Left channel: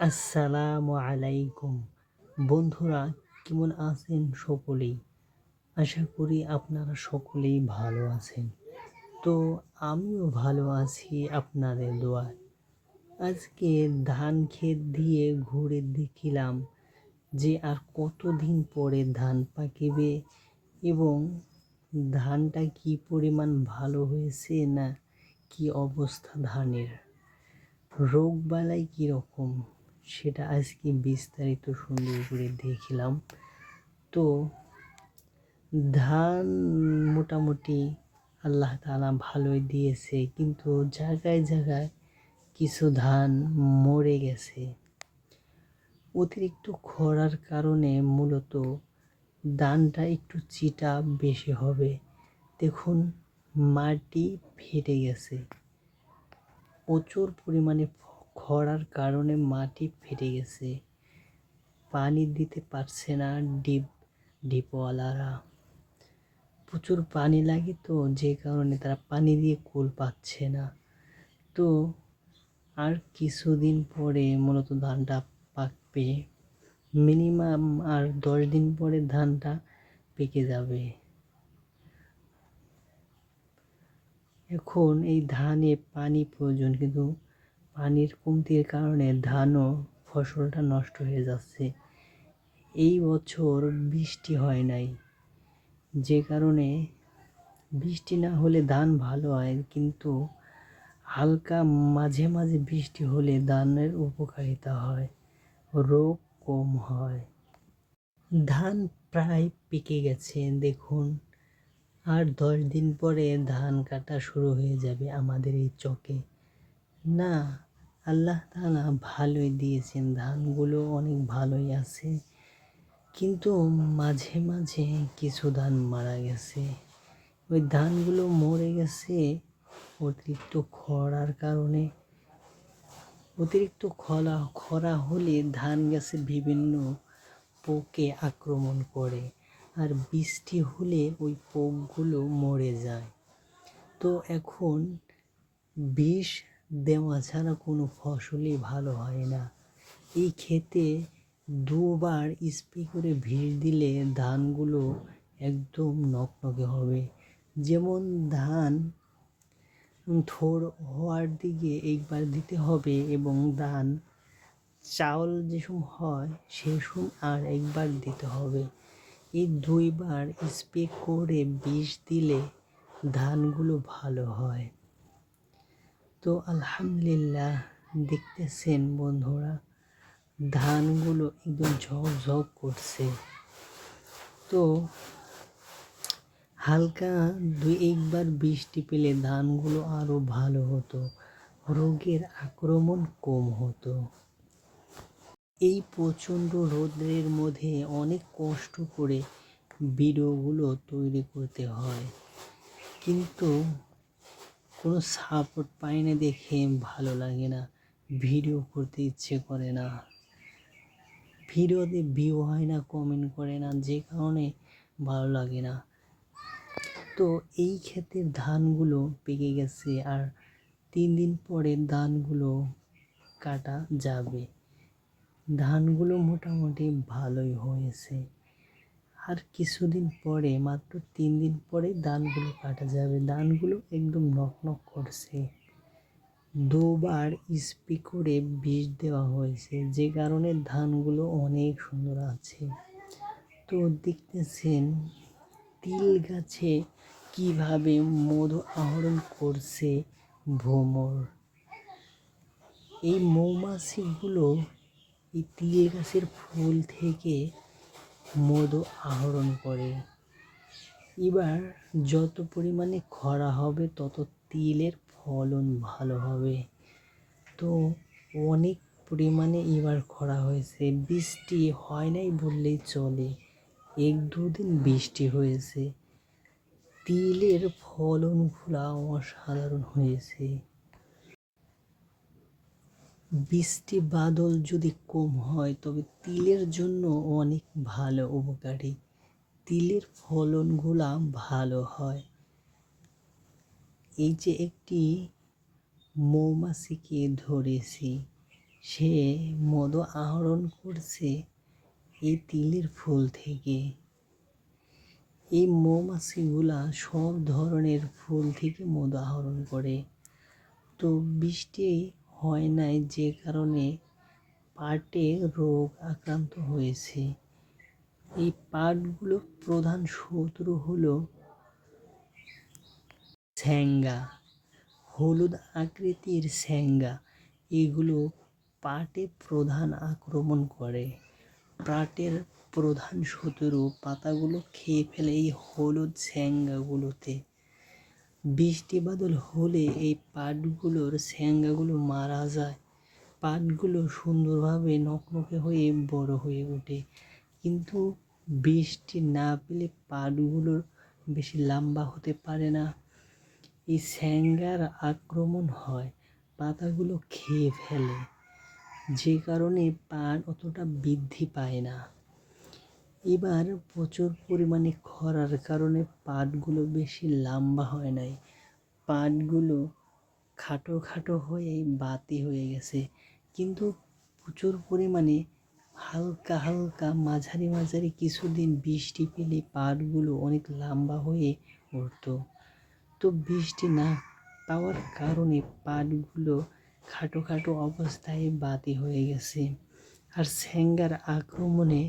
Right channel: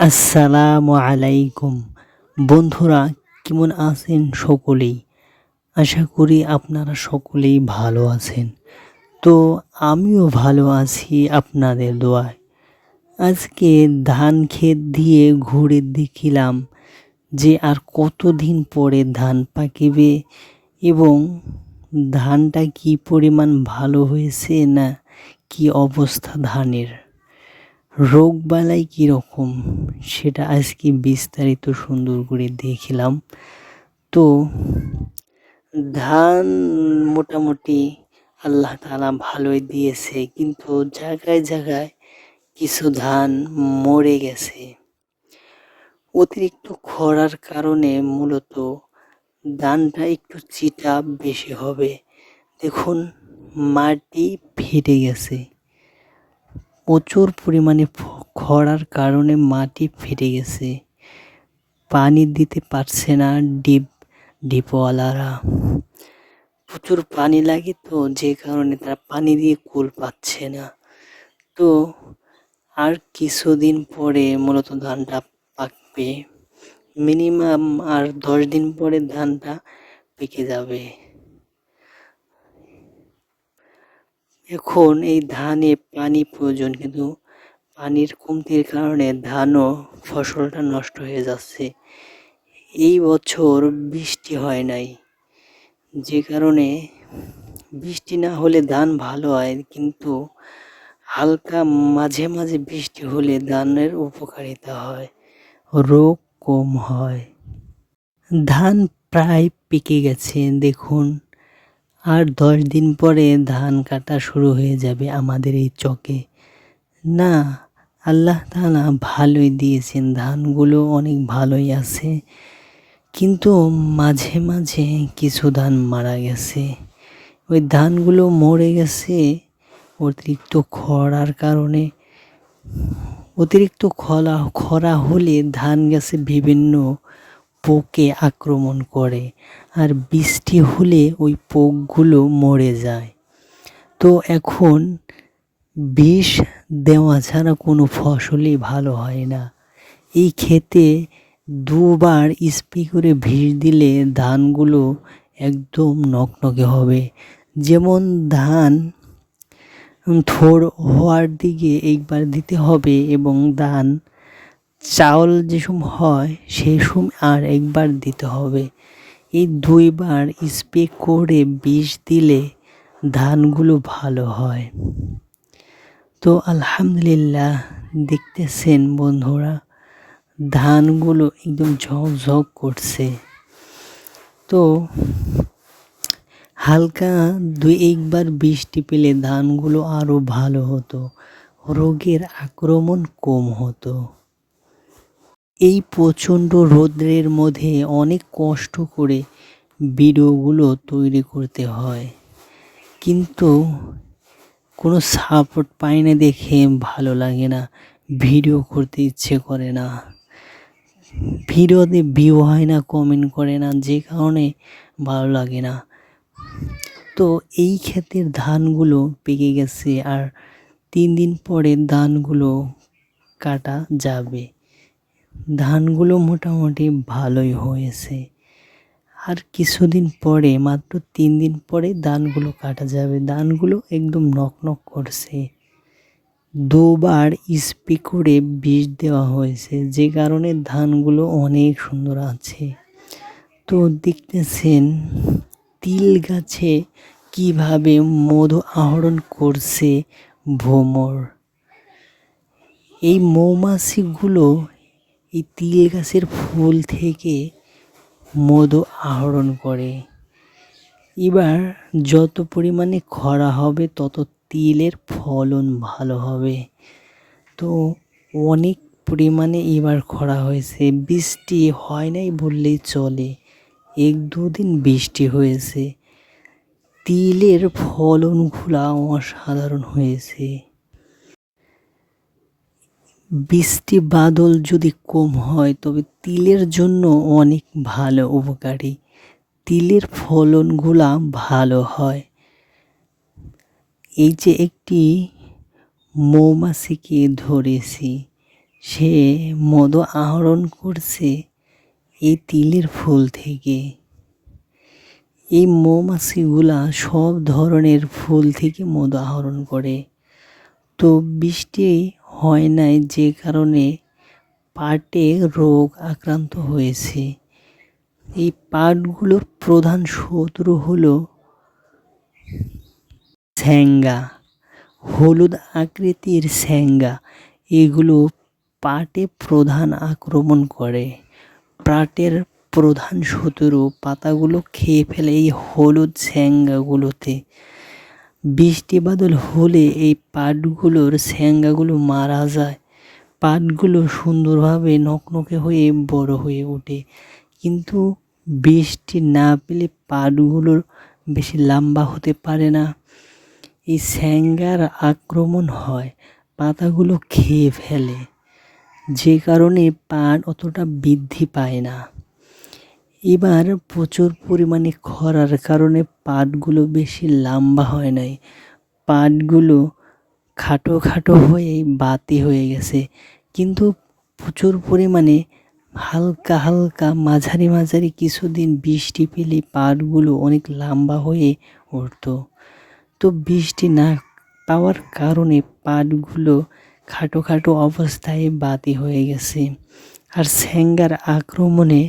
আসসালামু আলাইকুম। বন্ধুরা, কেমন আছেন সকলেই? আশা করি আপনারা সকলেই ভালো আছেন। তো আমিও ভালো আছি আপনাদের দোয়ায়। আজকে ধান ক্ষেত দিয়ে ঘুরে দেখিলাম যে আর কতদিন পরে ধান পাকিবে এবং ধানটা কি পরিমাণ ভালো হয়েছে না কি অবস্থা ধানের। রোগবালাই কীরকম সেটা আজকে বিস্তারিত সুন্দর করে দেখলাম। তো ধান মোটামুটি আল্লাহ তাআলা ভালোই দিয়েছে, কিন্তু জায়গায় জায়গায় কিছু ধান মরে গেছে। অতিরিক্ত খরার কারণে মূলত ধানটা একটু চিটা বেশি হবে। দেখুন, মাটি ফেটে গেছে। প্রচুর পরিমাণে খরার কারণে মাটি ফেটে গেছে। পানি দিতে পারছে না ডিপওয়ালারা। প্রচুর পানি লাগে, তো যে কারণে তারা পানি দিয়ে কুল পাচ্ছে না। তো আর কিছুদিন পরে মূলত ধানটা পাকবে। মিনিমাম আর 10 দিন পরে ধানটা পেকে যাবে। এখন এই ধানে পানি প্রয়োজন, কিন্তু পানির কমতির কারণে ধানও ফসলটা নষ্ট হয়ে যাচ্ছে। এই বছর বৃষ্টি হয় নাই, যে কারণে বৃষ্টি না হলে ধান ভালো হয়, কিন্তু হালকা মাঝে মাঝে বৃষ্টি হলে ধানের উপকারিতা হয়, রোগ কম হয়। ধান প্রায় পেকে গেছে দেখুন। আর 10 দিন পরে ধান কাটা শুরু হয়ে যাবে আমাদের এই চকে। না, আল্লাহ তাআলা ভালোই দিয়েছেন, ধানগুলো অনেক ভালোই আছে, কিন্তু মাঝে মাঝে কিছু ধান মারা গেছে। ওই ধানগুলো মরে গেছে অতিরিক্ত খরার কারণে। অতিরিক্ত খরা হলে ধান গাছে বিভিন্ন পোকে আক্রমণ করে, আর বৃষ্টি হলে ওই পোকগুলো মরে যায়। তো এখন বিষ দেওয়া ছাড়া কোনো ফসলই ভালো হয় না। এই ক্ষেতে দুবার স্প্রে করে বিষ দিলে ধানগুলো একদম নকনকে হবে। যেমন ধান থোড় হওয়ার দিকে একবার দিতে হবে, এবং ধান চাউল যে সময় হয় সেই সময় আর একবার দিতে হবে। এই 2 বার স্প্রে করে বিষ দিলে ধানগুলো ভালো হয়। তো আলহামদুলিল্লাহ, দেখতেছেন বন্ধুরা, ধানগুলো একদম ঝকঝক করছে। তো হালকা 2-1 বার বৃষ্টি পেলে ধানগুলো আরও ভালো হতো, রোগের আক্রমণ কম হতো। এই প্রচণ্ড রৌদ্রের মধ্যে অনেক কষ্ট করে ভিডিওগুলো তৈরি করতে হয়, কিন্তু কোনো সাপোর্ট পাই না দেখে ভালো লাগে না, ভিডিও করতে ইচ্ছে করে না। ভিডিওতে ভিউ হয় না, কমেন্ট করে না, যে কারণে ভালো লাগে না। তো এই ক্ষেতের ধানগুলো পেকে গেছে, আর 3 দিন পরে ধানগুলো কাটা যাবে। ধানগুলো মোটামুটি ভালোই হয়েছে। আর কিছুদিন পরে, মাত্র 3 দিন পরে ধানগুলো কাটা যাবে। ধানগুলো একদম নকনক করছে। 2 বার স্প্রে করে বিষ দেওয়া হয়েছে, যে কারণে ধানগুলো অনেক সুন্দর আছে। তো দেখতেছেন তিল গাছে কিভাবে মধু আহরণ করছে ভ্রমর। এই মৌমাছিগুলো এই তিল গাছের ফুল থেকে মধু আহরণ করে। এবার যত পরিমাণে খরা হবে তত তিলের ফলন ভালো হবে। তো অনেক পরিমাণে এবার খরা হয়েছে, বৃষ্টি হয় নাই বললেই চলে। 1-2 দিন বৃষ্টি হয়েছে, তিলের ফলনগুলা অসাধারণ হয়েছে। বৃষ্টি বাদল যদি কম হয় তবে তিলের জন্য অনেক ভালো, উপকারী। তিলের ফলনগুলা ভালো হয়। এই যে একটি মৌমাছিকে ধরেছি, সে মধু আহরণ করছে এই তিলের ফুল থেকে। এই মৌমাছিগুলা সব ধরনের ফুল থেকে মধু আহরণ করে। তো বৃষ্টি হয় নাই, যে কারণে পাটে রোগ আক্রান্ত হয়েছে। এই পাটগুলোর প্রধান শত্রু হলো ছ্যাঙ্গা, হলুদ আকৃতির ছ্যাঙ্গা। এগুলো পাটে প্রধান আক্রমণ করে। পাটের প্রধান শত্রু পাতাগুলো খেয়ে ফেলে এই হলুদ ছ্যাঙ্গাগুলোতে। বৃষ্টি বাদল হলে এই পাটগুলোর ছ্যাঙ্গাগুলো মারা যায়। পাটগুলো সুন্দরভাবে নকনকে হয়ে বড় হয়ে ওঠে। কিন্তু বৃষ্টি না পেলে পাটগুলোর বেশি লম্বা হতে পারে না। এই ছ্যাঙ্গার আক্রমণ হয়, পাতাগুলো খেয়ে ফেলে, যে কারণে পাট অতটা বৃদ্ধি পায় না। এবার প্রচুর পরিমাণে খরার কারণে পাটগুলো বেশি লম্বা হয় নাই। পাটগুলো খাটো খাটো হয়ে বাতি হয়ে গেছে। কিন্তু প্রচুর পরিমাণে হালকা হালকা মাঝারি মাঝারি কিছুদিন বৃষ্টি পেলে পাটগুলো অনেক লম্বা হয়ে উঠতো। তো বৃষ্টি না পাওয়ার কারণে পাটগুলো খাটো খাটো অবস্থায় বাতি হয়ে গেছে। আর ছ্যাঙ্গার আক্রমণে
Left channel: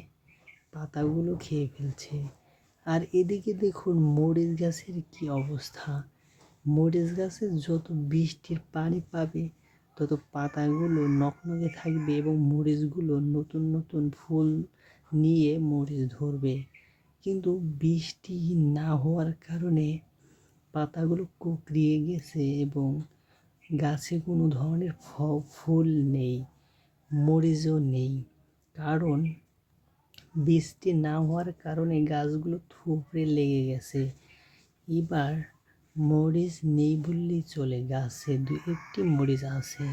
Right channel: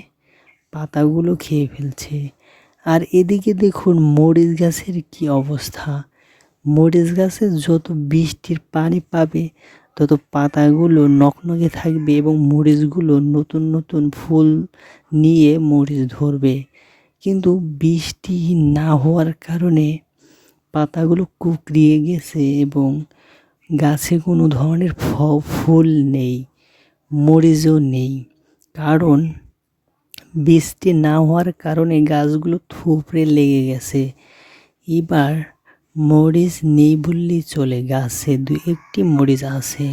পাতাগুলো খেয়ে ফেলছে। আর এদিকে দেখুন মরিচ গাছের কি অবস্থা। মরিচ গাছে যত বৃষ্টির পানি পাবে তত পাতাগুলো নকনকে থাকবে এবং মরিচগুলো নতুন নতুন ফুল নিয়ে মরিচ ধরবে। কিন্তু বৃষ্টি না হওয়ার কারণে পাতাগুলো কুঁকড়িয়ে গেছে এবং গাছে কোনো ধরনের ফুল নেই, মরিচও নেই। কারণ বৃষ্টি না হওয়ার কারণে গাছগুলো থুবড়ে লেগে গেছে। এবার মরিচ নেই বললেই চলে, গাছে দু একটি মরিচ আছে।